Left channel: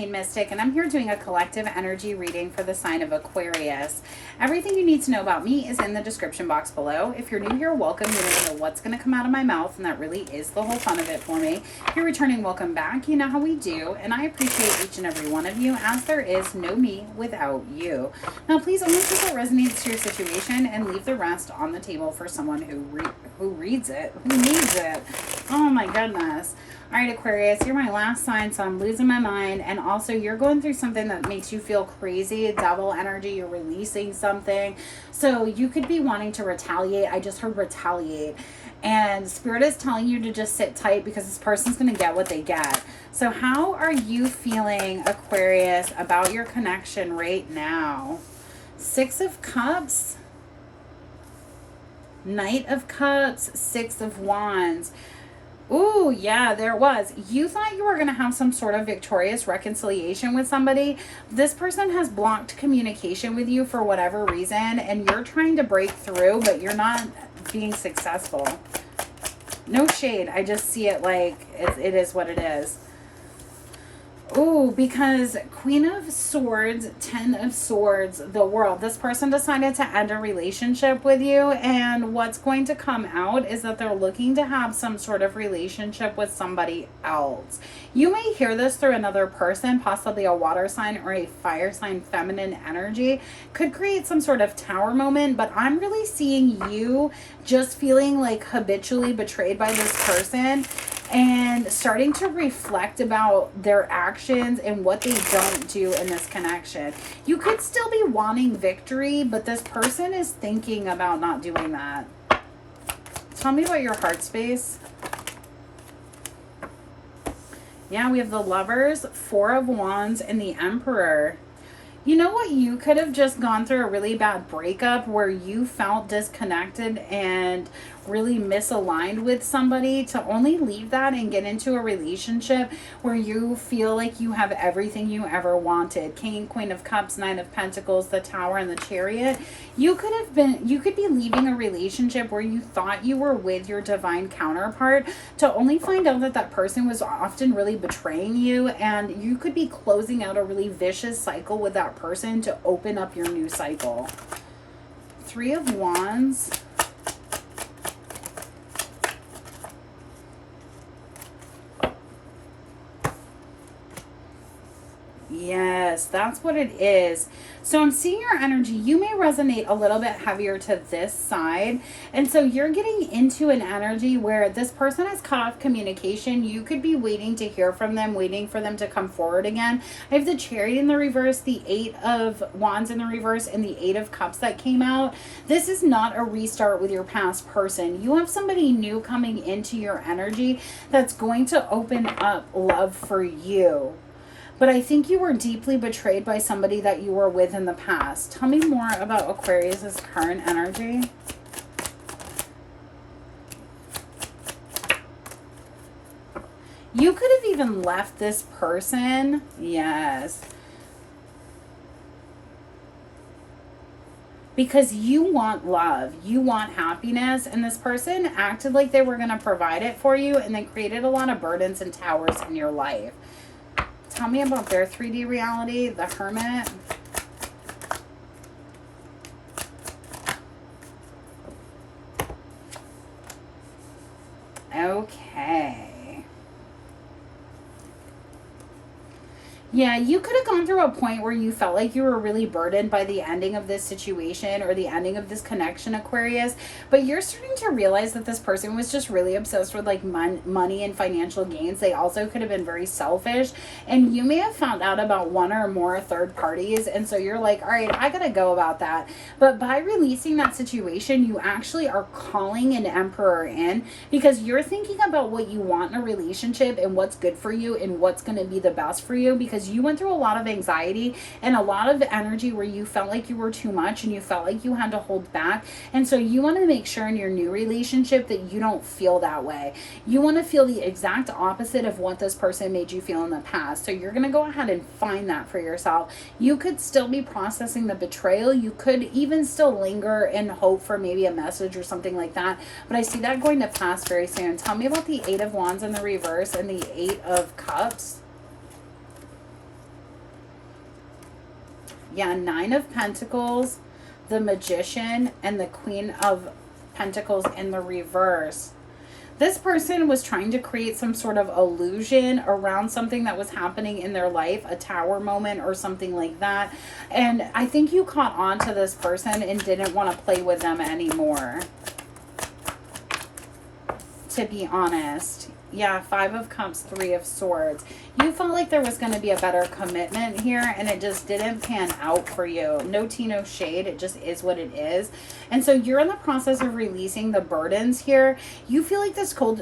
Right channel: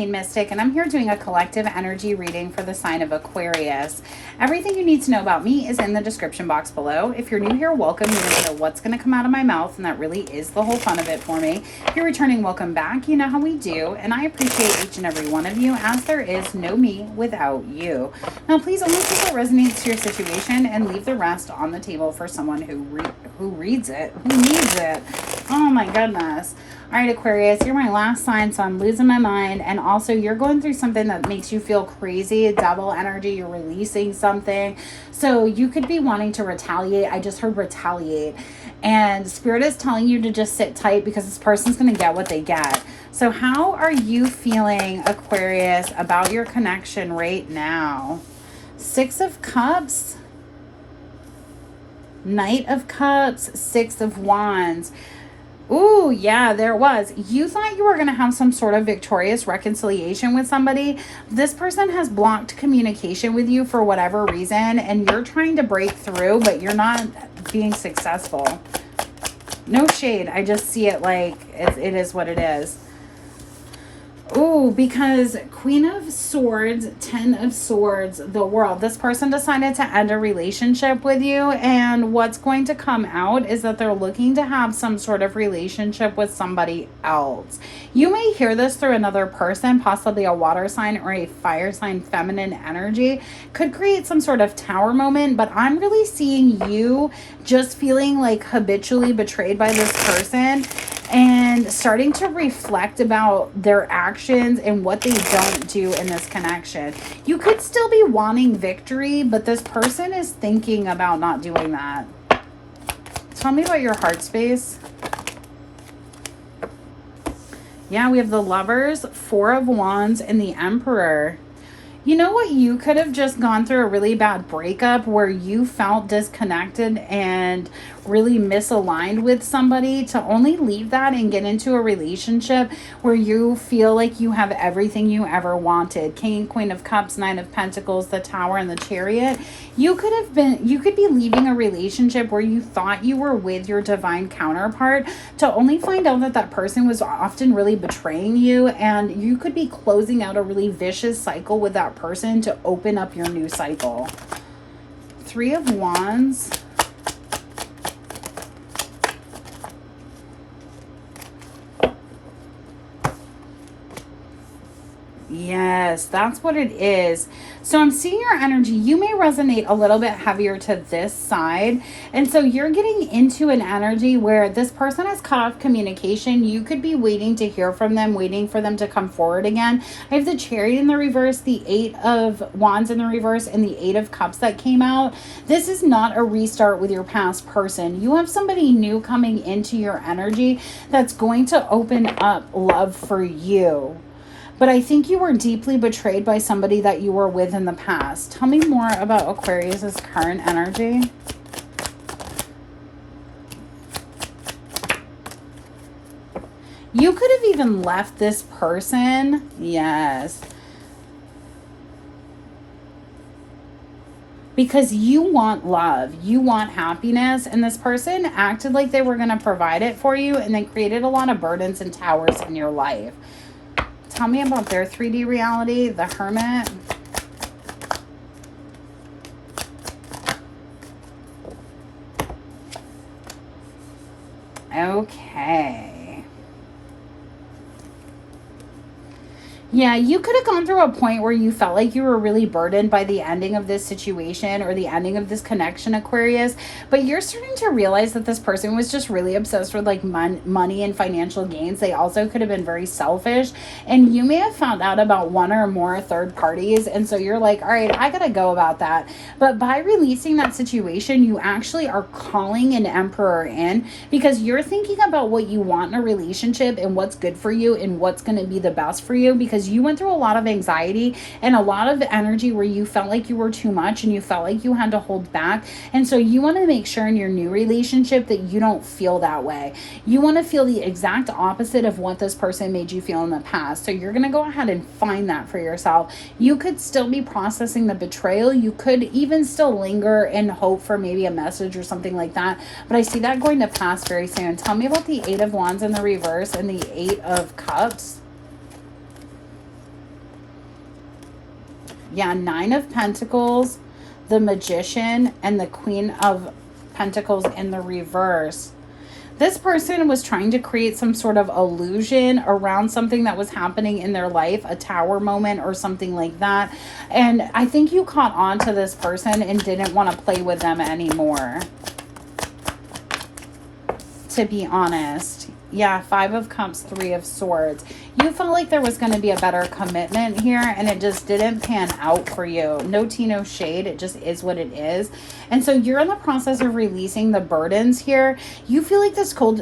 Maine Mystic, and I'm here doing a collective energy reading for the sign of Aquarius. Everything you need to know about me is in the description box below. If you're new here, welcome. You don't know what's going to come out of my mouth, and that really is the whole fun of it for me. If you're returning, welcome back. You know how we do, and I appreciate each and every one of you, as there is no me without you. Now, please only take what resonates to your situation and leave the rest on the table for someone who reads it, who needs it. Oh my goodness. All right, Aquarius, you're my last sign, so I'm losing my mind. And also, you're going through something that makes you feel crazy, double energy. You're releasing something. So you could be wanting to retaliate. I just heard retaliate. And Spirit is telling you to just sit tight because this person's going to get what they get. So how are you feeling, Aquarius, about your connection right now? Six of Cups, Knight of Cups, Six of Wands. Ooh, yeah, there was. You thought you were going to have some sort of victorious reconciliation with somebody. This person has blocked communication with you for whatever reason, and you're trying to break through, but you're not being successful. No shade. I just see it like it is what it is. Ooh, because Queen of Swords, Ten of Swords, the World. This person decided to end a relationship with you, and what's going to come out is that they're looking to have some sort of relationship with somebody else. You may hear this through another person, possibly a water sign or a fire sign, feminine energy. Could create some sort of tower moment, but I'm really seeing you just feeling like habitually betrayed by this person and starting to reflect about their actions and what they don't do in this connection. You could still be wanting victory, but this person is thinking about not doing that. Tell me about your heart space. Yeah, we have the Lovers, Four of Wands, and the Emperor. You know what? You could have just gone through a really bad breakup where you felt disconnected and really misaligned with somebody, to only leave that and get into a relationship where you feel like you have everything you ever wanted. King, Queen of Cups, Nine of Pentacles, the Tower, and the Chariot. You could be leaving a relationship where you thought you were with your divine counterpart, to only find out that that person was often really betraying you, and you could be closing out a really vicious cycle with that person to open up your new cycle. Three of Wands. Yes, that's what it is. So I'm seeing your energy. You may resonate a little bit heavier to this side. And so you're getting into an energy where this person has cut off communication. You could be waiting to hear from them, waiting for them to come forward again. I have the Chariot in the reverse, the Eight of Wands in the reverse, and the Eight of Cups that came out. This is not a restart with your past person. You have somebody new coming into your energy that's going to open up love for you. But I think you were deeply betrayed by somebody that you were with in the past. Tell me more about Aquarius's current energy. You could have even left this person. Yes. Because you want love, you want happiness, and this person acted like they were going to provide it for you and then created a lot of burdens and towers in your life. Tell me about their 3D reality, the Hermit. Okay. Yeah, you could have gone through a point where you felt like you were really burdened by the ending of this situation or the ending of this connection, Aquarius. But you're starting to realize that this person was just really obsessed with like money and financial gains. They also could have been very selfish. And you may have found out about one or more third parties. And so you're like, all right, I got to go about that. But by releasing that situation, you actually are calling an Emperor in, because you're thinking about what you want in a relationship and what's good for you and what's going to be the best for you, because you went through a lot of anxiety and a lot of energy where you felt like you were too much and you felt like you had to hold back. And so you want to make sure in your new relationship that you don't feel that way. You want to feel the exact opposite of what this person made you feel in the past. So you're going to go ahead and find that for yourself. You could still be processing the betrayal. You could even still linger and hope for maybe a message or something like that. But I see that going to pass very soon. Tell me about the Eight of Wands in the reverse and the Eight of Cups. Yeah, Nine of Pentacles, the Magician, and the Queen of Pentacles in the reverse. This person was trying to create some sort of illusion around something that was happening in their life, a tower moment or something like that. And I think you caught on to this person and didn't want to play with them anymore, to be honest. Yeah, Five of Cups, Three of Swords. You felt like there was going to be a better commitment here, and it just didn't pan out for you. No tea, no shade. It just is what it is. And so you're in the process of releasing the burdens here. You feel like this cold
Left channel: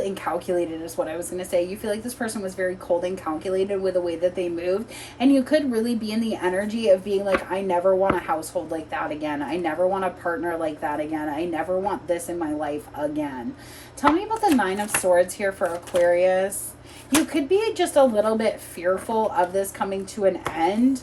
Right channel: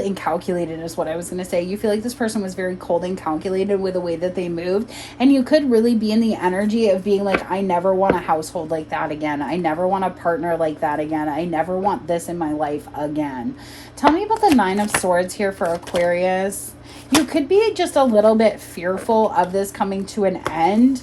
and calculated is what I was going to say. You feel like this person was very cold and calculated with the way that they moved. And you could really be in the energy of being like, I never want a household like that again. I never want a partner like that again. I never want this in my life again. Tell me about the Nine of Swords here for Aquarius. You could be just a little bit fearful of this coming to an end.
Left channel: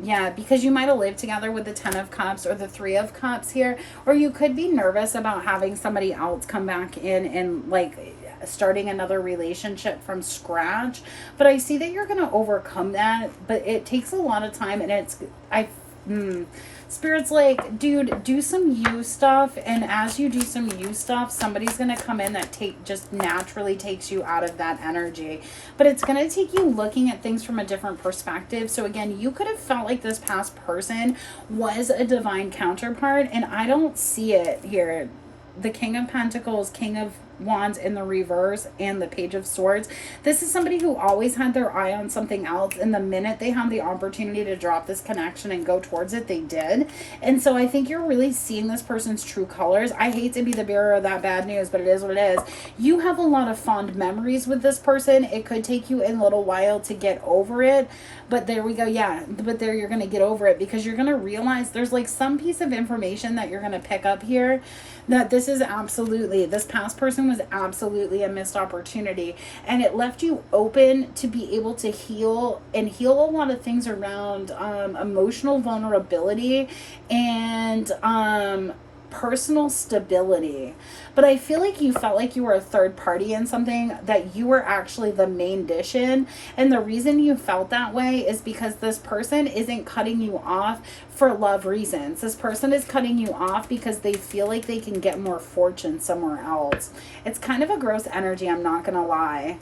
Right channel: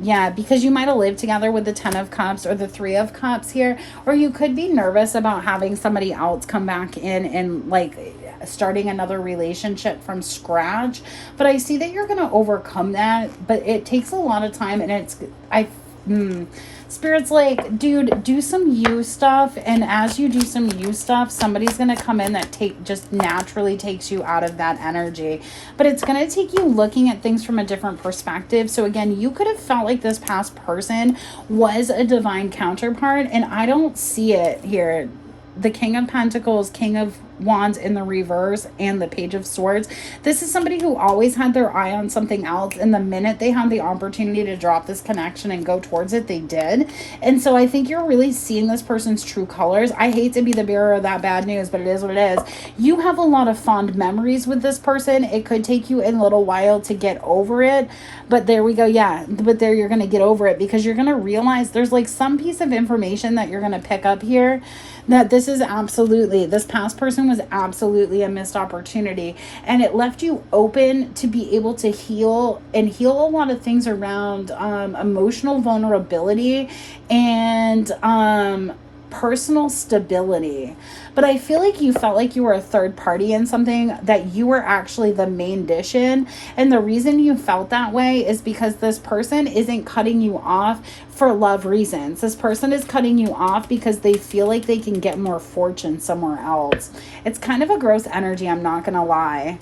Yeah, because you might have lived together with the Ten of Cups or the Three of Cups here. Or you could be nervous about having somebody else come back in and like starting another relationship from scratch. But I see that you're going to overcome that. But it takes a lot of time, and Spirit's like, dude, do some you stuff, and as you do some you stuff, somebody's gonna come in that just naturally takes you out of that energy. But it's gonna take you looking at things from a different perspective. So again, you could have felt like this past person was a divine counterpart, and I don't see it here. The King of Pentacles, King of Wands in the reverse, and the Page of Swords. This is somebody who always had their eye on something else, and the minute they had the opportunity to drop this connection and go towards it, they did. And so I think you're really seeing this person's true colors. I hate to be the bearer of that bad news, but it is what it is. You have a lot of fond memories with this person. It could take you a little while to get over it, but there we go. Yeah, but there you're going to get over it, because you're going to realize there's like some piece of information that you're going to pick up here, that this past person was absolutely a missed opportunity, and it left you open to be able to heal a lot of things around emotional vulnerability and personal stability. But I feel like you felt like you were a third party in something that you were actually the main dish in. And the reason you felt that way is because this person isn't cutting you off for love reasons. This person is cutting you off because they feel like they can get more fortune somewhere else. It's kind of a gross energy, I'm not gonna lie.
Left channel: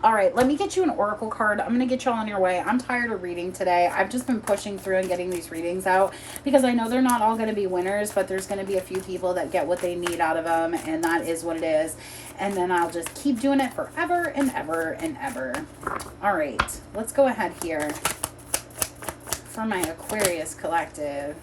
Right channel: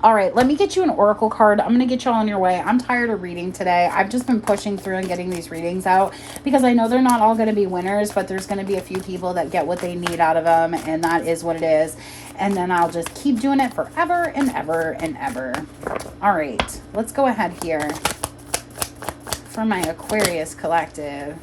All right, let me get you an oracle card. I'm going to get you all on your way. I'm tired of reading today. I've just been pushing through and getting these readings out because I know they're not all going to be winners, but there's going to be a few people that get what they need out of them, and that is what it is. And then I'll just keep doing it forever and ever and ever. All right, let's go ahead here for my Aquarius collective.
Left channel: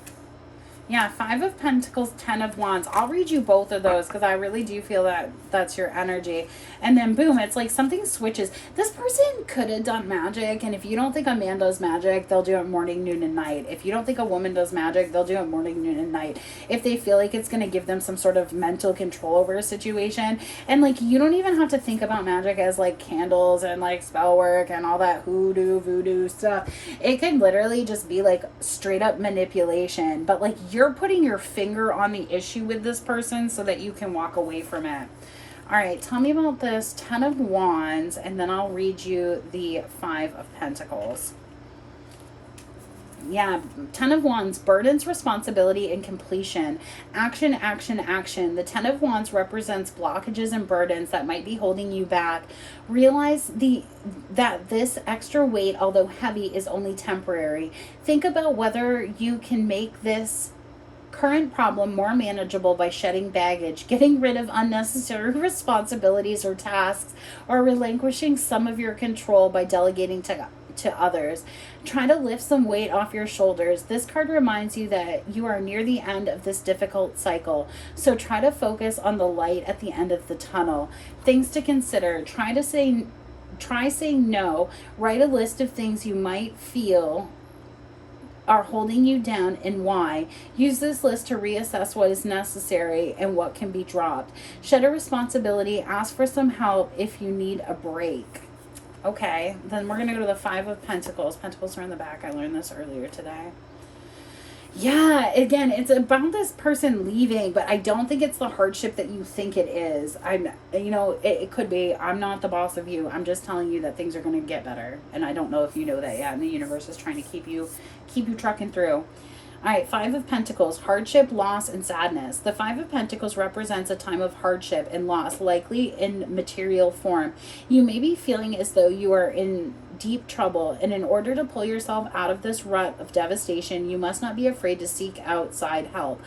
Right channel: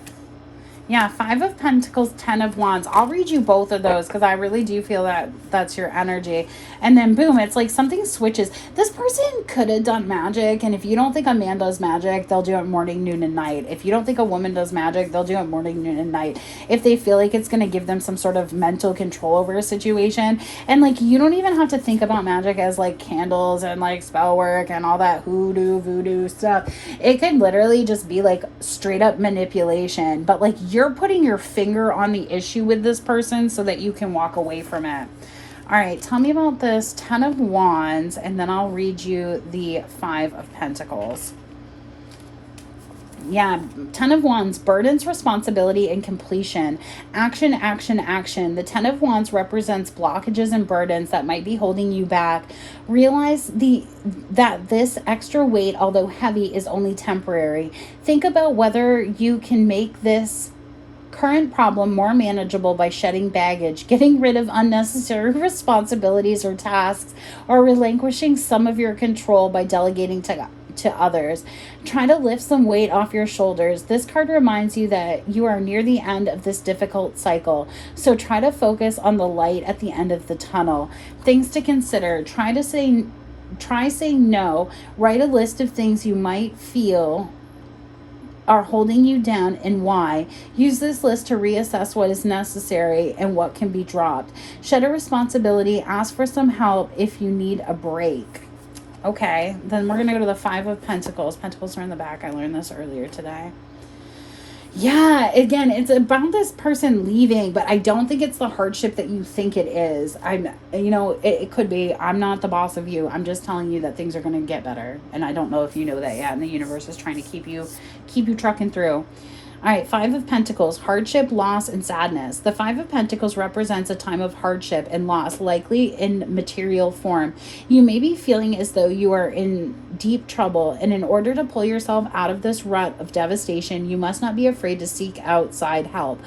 Yeah, Five of Pentacles, Ten of Wands. I'll read you both of those because I really do feel that that's your energy. And then boom, it's like something switches. This person could have done magic, and if you don't think a man does magic, they'll do it morning, noon, and night. If you don't think a woman does magic, they'll do it morning, noon, and night. If they feel like it's going to give them some sort of mental control over a situation. And like, you don't even have to think about magic as like candles and like spell work and all that hoodoo, voodoo stuff. It could literally just be like straight up manipulation. But like, you're putting your finger on the issue with this person so that you can walk away from it. All right, tell me about this Ten of Wands, and then I'll read you the Five of Pentacles. Yeah, Ten of Wands, burdens, responsibility, and completion. Action, action, action. The Ten of Wands represents blockages and burdens that might be holding you back. Realize that this extra weight, although heavy, is only temporary. Think about whether you can make this current problem more manageable by shedding baggage, getting rid of unnecessary responsibilities or tasks, or relinquishing some of your control by delegating to others. Try to lift some weight off your shoulders. This card reminds you that you are near the end of this difficult cycle. So try to focus on the light at the end of the tunnel. Things to consider. Try saying no. Write a list of things you might feel are holding you down and why. Use this list to reassess what is necessary and what can be dropped. Shed a responsibility. Ask for some help if you need a break. Okay, then we're going to go to the Five of Pentacles. Pentacles are in the back. I learned this earlier today. Yeah, again, it's about this person leaving, but I don't think it's the hardship that you think it is. It could be. I'm not the boss of you. I'm just telling you that things are going to get better, and I don't know if you know that yet. And the universe is trying to keep you trucking through. All right, Five of Pentacles, hardship, loss, and sadness. The Five of Pentacles represents a time of hardship and loss, likely in material form. You may be feeling as though you are in deep trouble, and in order to pull yourself out of this rut of devastation, you must not be afraid to seek outside help.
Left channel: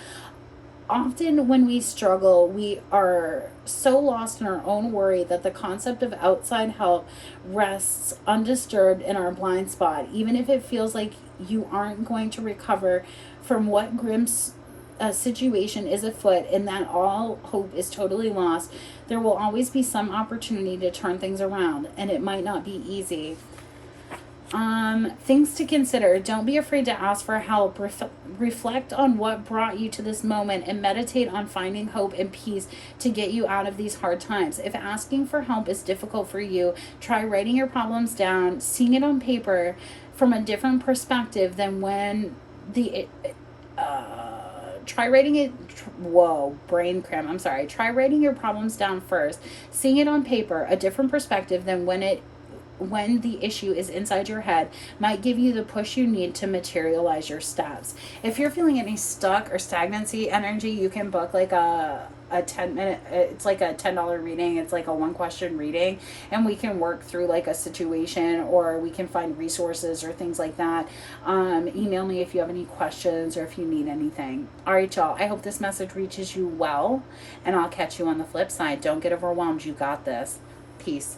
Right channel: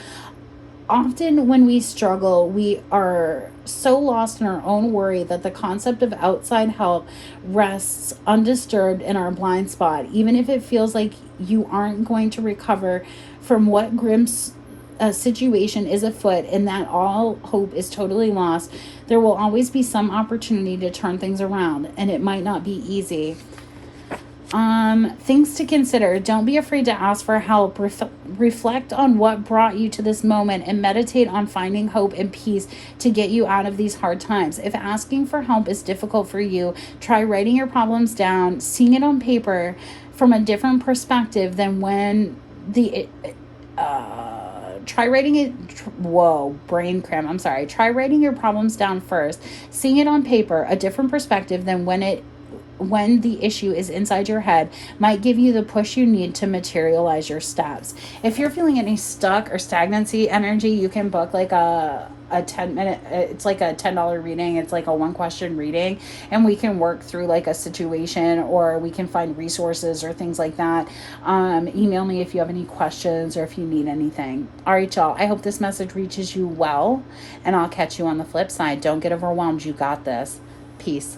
Often when we struggle, we are so lost in our own worry that the concept of outside help rests undisturbed in our blind spot, even if it feels like you aren't going to recover from what grim situation is afoot and that all hope is totally lost. There will always be some opportunity to turn things around, and it might not be easy. Things to consider. Don't be afraid to ask for help. Reflect on what brought you to this moment and meditate on finding hope and peace to get you out of these hard times. If asking for help is difficult for you, try writing your problems down, seeing it on paper from a different perspective than when try writing it. Whoa, brain cramp. I'm sorry. Try writing your problems down first, seeing it on paper, a different perspective than when the issue is inside your head might give you the push you need to materialize your steps. If you're feeling any stuck or stagnancy energy, you can book like a 10-minute, it's like a $10 reading. It's like a 1-question reading, and we can work through like a situation, or we can find resources or things like that. Email me if you have any questions or if you need anything. All right, y'all, I hope this message reaches you well, and I'll catch you on the flip side. Don't get overwhelmed. You got this. Peace.